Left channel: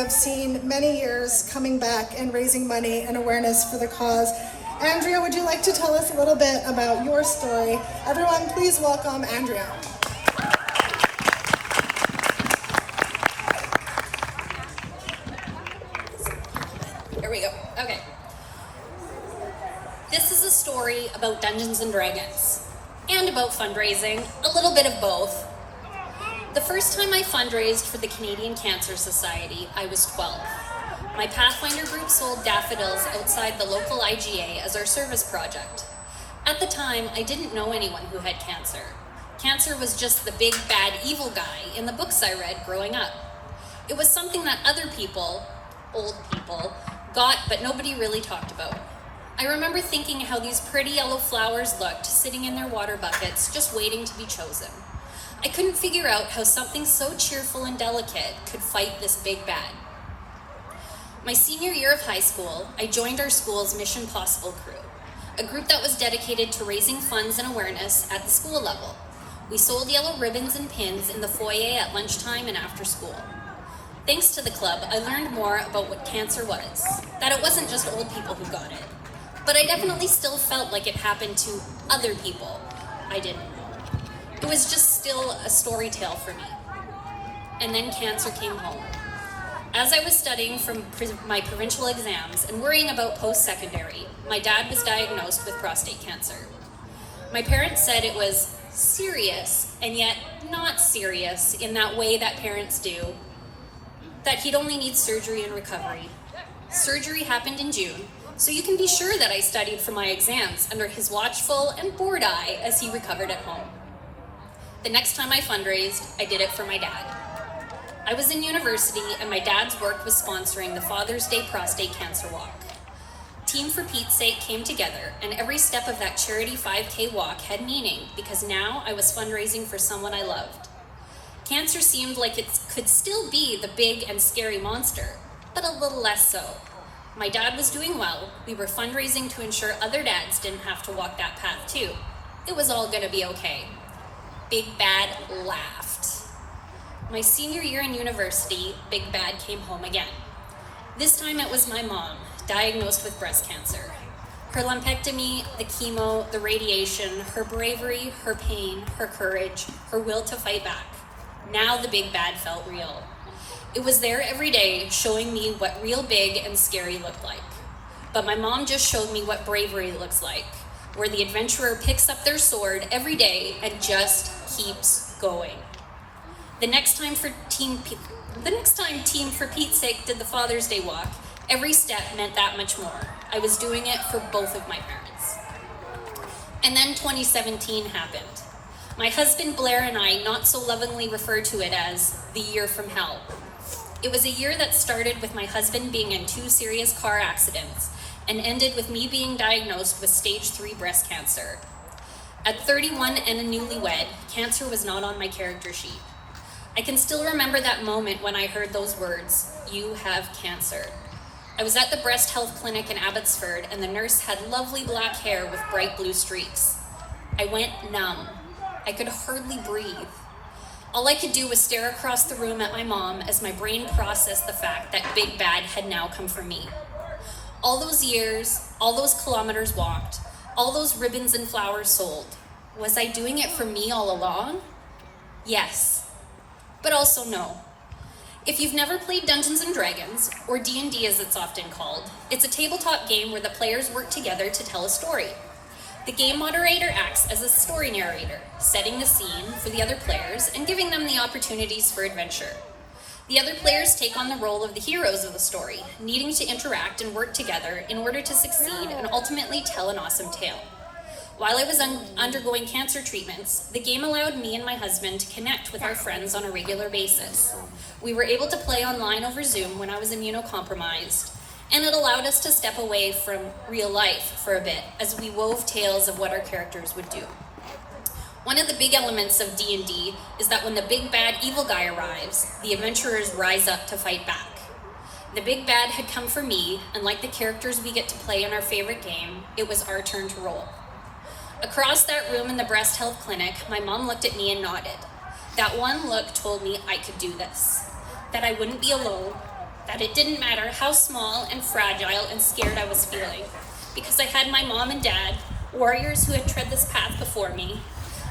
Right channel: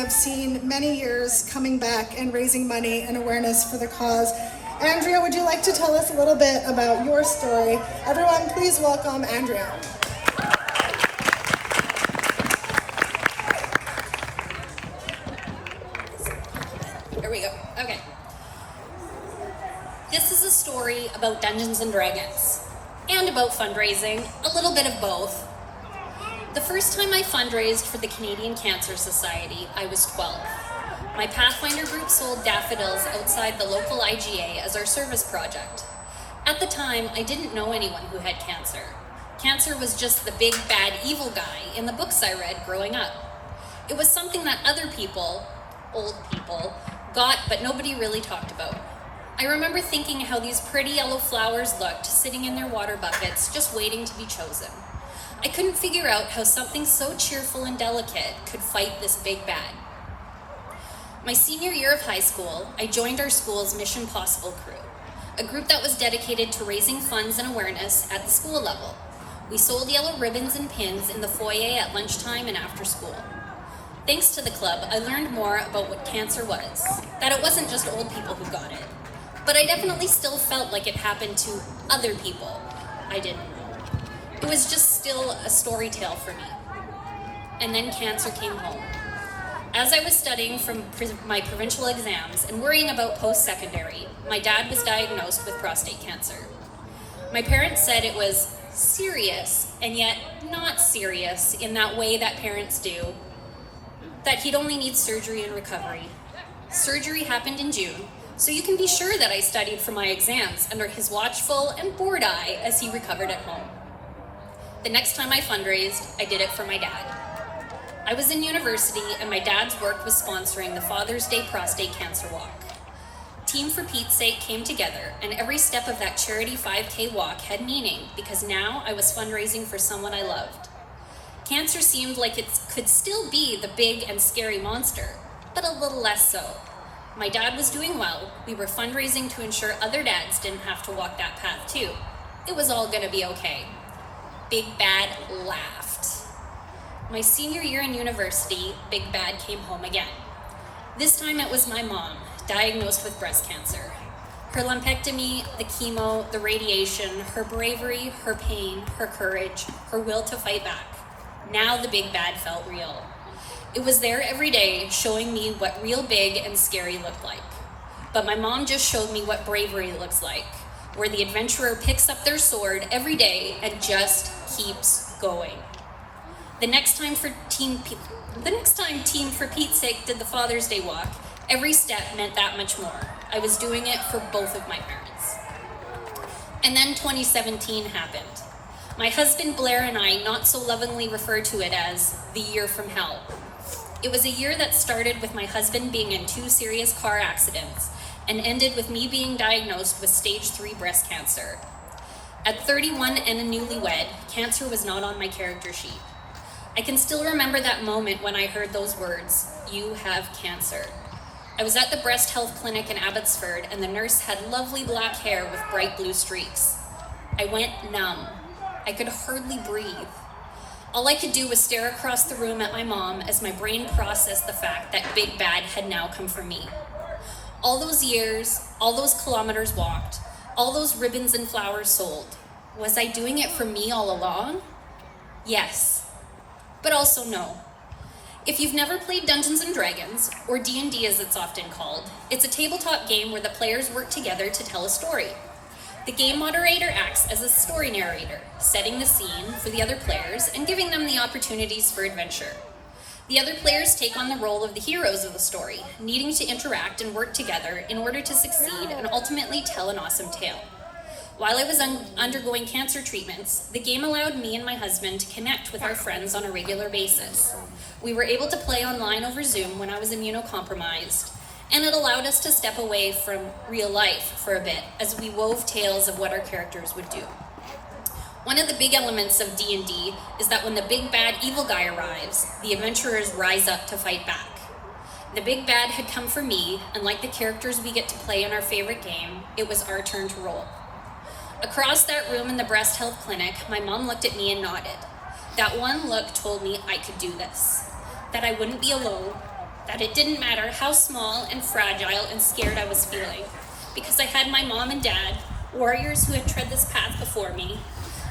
I've seen many years coming back and raising money and awareness for the cause. Andrea, would you like to tell us a little bit about your story? Everyone, please welcome Andrea. Here we go. Okay. This is a story about Dungeons and Dragons and about fundraising, a little bit of both. The first time I fundraised for the Canadian Cancer Society, I was 12. My Pathfinder group sold daffodils outside the local IGA as our service project. At the time, I didn't know anyone who had cancer. Cancer was just the big, bad, evil guy in the books I read growing up. It was something that other people, old people, got but nobody really talked about. I remember thinking how these pretty yellow flowers looked sitting in their water buckets, just waiting to be chosen. I couldn't figure out how something so cheerful and delicate could fight this big bad. My senior year of high school, I joined our school's Mission Possible crew, a group that was dedicated to raising funds and awareness at the school level. We sold yellow ribbons and pins in the foyer at lunchtime and after school. Thanks to the club, I learned more about what cancer was, that it wasn't just old people who got it, but I definitely still felt like it happened to other people I didn't know. It was just still a story tale for me. And then cancer came home. As I was studying for my provincial exams and worrying about post-secondary, my dad was diagnosed with prostate cancer. My parents said it was serious and yet not serious in that way that parents do, that he'd only need surgery and recovery. Surgery happened in June, so you can be sure that I studied for my exams under his watchful and bored eye as he recovered at home. The next time I fundraised, I did it for my dad. I was in university and my dad's work was sponsoring the Father's Day Prostate Cancer Walk. Team For Pete's Sake came together and every step of that charity 5K walk had meaning because now I was fundraising for someone I loved. Cancer seemed like it could still be the big and scary monster, but a little less so. My dad was doing well. We were fundraising to ensure other dads didn't have to walk that path too. It was all gonna be okay. Big Bad laughed. My senior year in university, Big Bad came home again. This time it was my mom, diagnosed with breast cancer. Her lumpectomy, the chemo, the radiation, her bravery, her pain, her courage, her will to fight back. Now the Big Bad felt real. It was there every day, showing me what real big and scary looked like. But my mom just showed me what bravery looks like, where the adventurer picks up their sword every day and just keeps going. The next time Team For Pete's Sake did the Father's Day walk, every step meant that much more. I was doing it for both of my parents. And then 2017 happened. My husband Blair and I not so lovingly refer to it as the year from hell. It was a year that started with my husband being in 2 serious car accidents and ended with me being diagnosed with stage 3 breast cancer. At 31 and a newlywed, cancer was not on my character sheet. I can still remember that moment when I heard those words, "You have cancer." I was at the breast health clinic in Abbotsford and the nurse had lovely black hair with bright blue streaks. I went numb. I could hardly breathe. All I could do was stare across the room at my mom as my brain processed the fact that Big Bad had now come for me. All those years, all those kilometers walked, all those ribbons and flowers sold. Was I doing it for me all along? Yes, but also no. If you've never played Dungeons and Dragons, or D&D as it's often called, it's a tabletop game where the players work together to tell a story. The game moderator acts as a story narrator, setting the scene for the other players and giving them the opportunities for adventure. The other players take on the role of the heroes of the story, needing to interact and work together in order to succeed and ultimately tell an awesome tale. While I was undergoing cancer treatments, the game allowed me and my husband to connect with our friends on a regular basis. We were able to play online over Zoom when I was immunocompromised, and it allowed us to step away from real life for a bit as we wove tales of what our characters would do. One of the big elements of D&D is that when the big bad evil guy arrives, the adventurers rise up to fight back. The big bad had come for me, and like the characters we get to play in our favorite game, it was our turn to roll. Across that room in the breast health clinic, my mom looked at me and nodded. That one look told me I could do this, that I wouldn't be alone, that it didn't matter how small and fragile and scared I was feeling, because I had my mom and dad, warriors who had tread this path before me.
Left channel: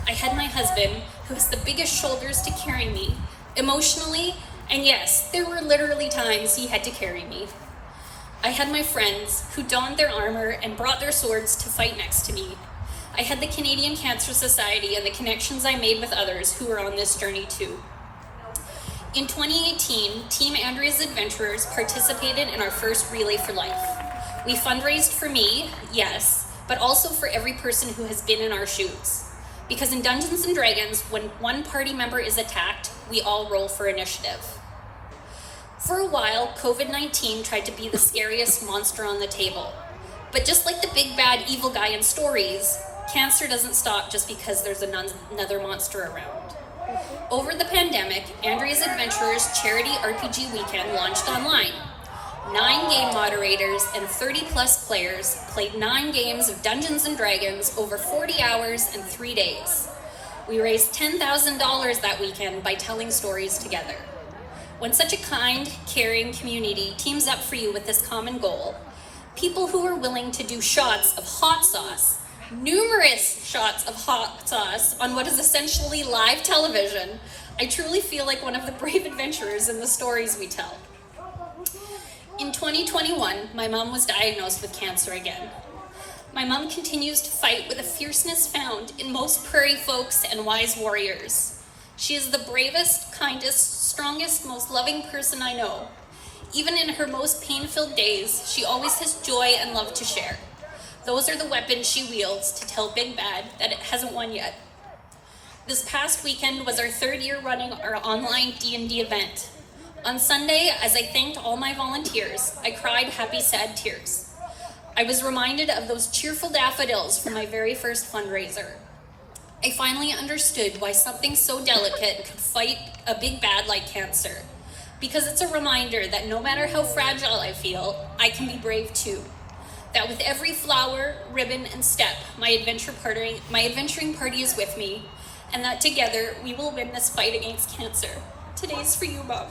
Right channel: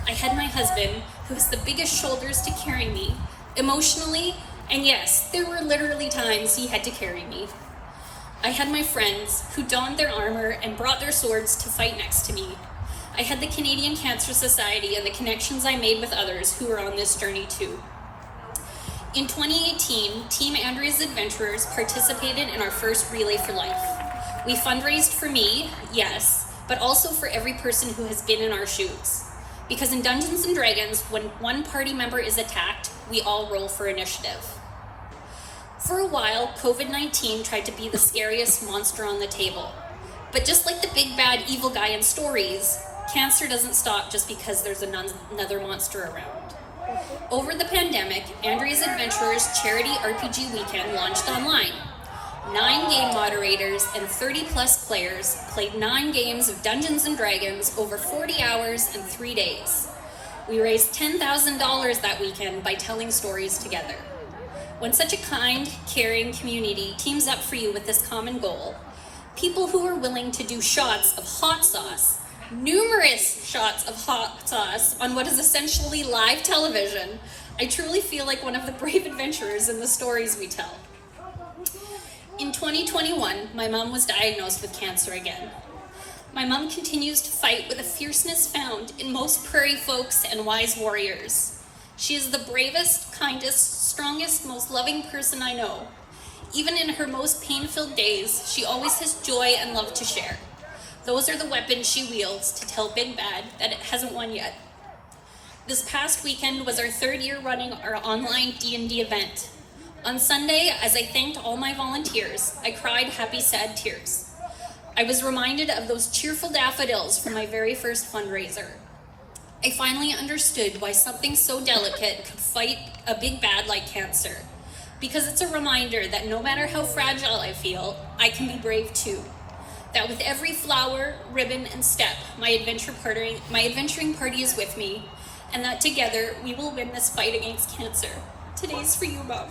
I had my husband, who has the biggest shoulders to carry me, emotionally, and yes, there were literally times he had to carry me. I had my friends who donned their armor and brought their swords to fight next to me. I had the Canadian Cancer Society and the connections I made with others who were on this journey too. In 2018, Team Andrea's Adventurers participated in our first Relay for Life. We fundraised for me, yes, but also for every person who has been in our shoes. Because in Dungeons & Dragons, when one party member is attacked, we all roll for initiative. For a while, COVID-19 tried to be the scariest monster on the table. But just like the big bad evil guy in stories, cancer doesn't stop just because there's another monster around. Over the pandemic, Andrea's Adventurers Charity RPG Weekend launched online. 9 game moderators and 30+ players played 9 games of Dungeons & Dragons over 40 hours and 3 days. We raised $10,000 that weekend by telling stories together. When such a kind, caring community teams up for you with this common goal, people who are willing to do shots of hot sauce, numerous shots of hot sauce on what is essentially live television, I truly feel like one of the brave adventurers in the stories we tell. In 2021, my mom was diagnosed with cancer again. My mom continues to fight with a fierceness found in most prairie folks and wise warriors. She is the bravest, kindest, strongest, most loving person I know. Even in her most pain-filled days, she always has joy and love to share. Those are the weapons she wields to tell Big Bad that it hasn't won yet. This past weekend was our 3rd year running our online D&D event. On Sunday, as I thanked all my volunteers, I cried happy, sad tears. I was reminded of those cheerful daffodils from my very first fundraiser. I finally understood why something so delicate could fight a big bad like cancer. Because it's a reminder that no matter how fragile I feel, I can be brave too. That with every flower, ribbon, and step, my adventuring party is with me, and that together we will win this fight against cancer. Today's for you, Mom.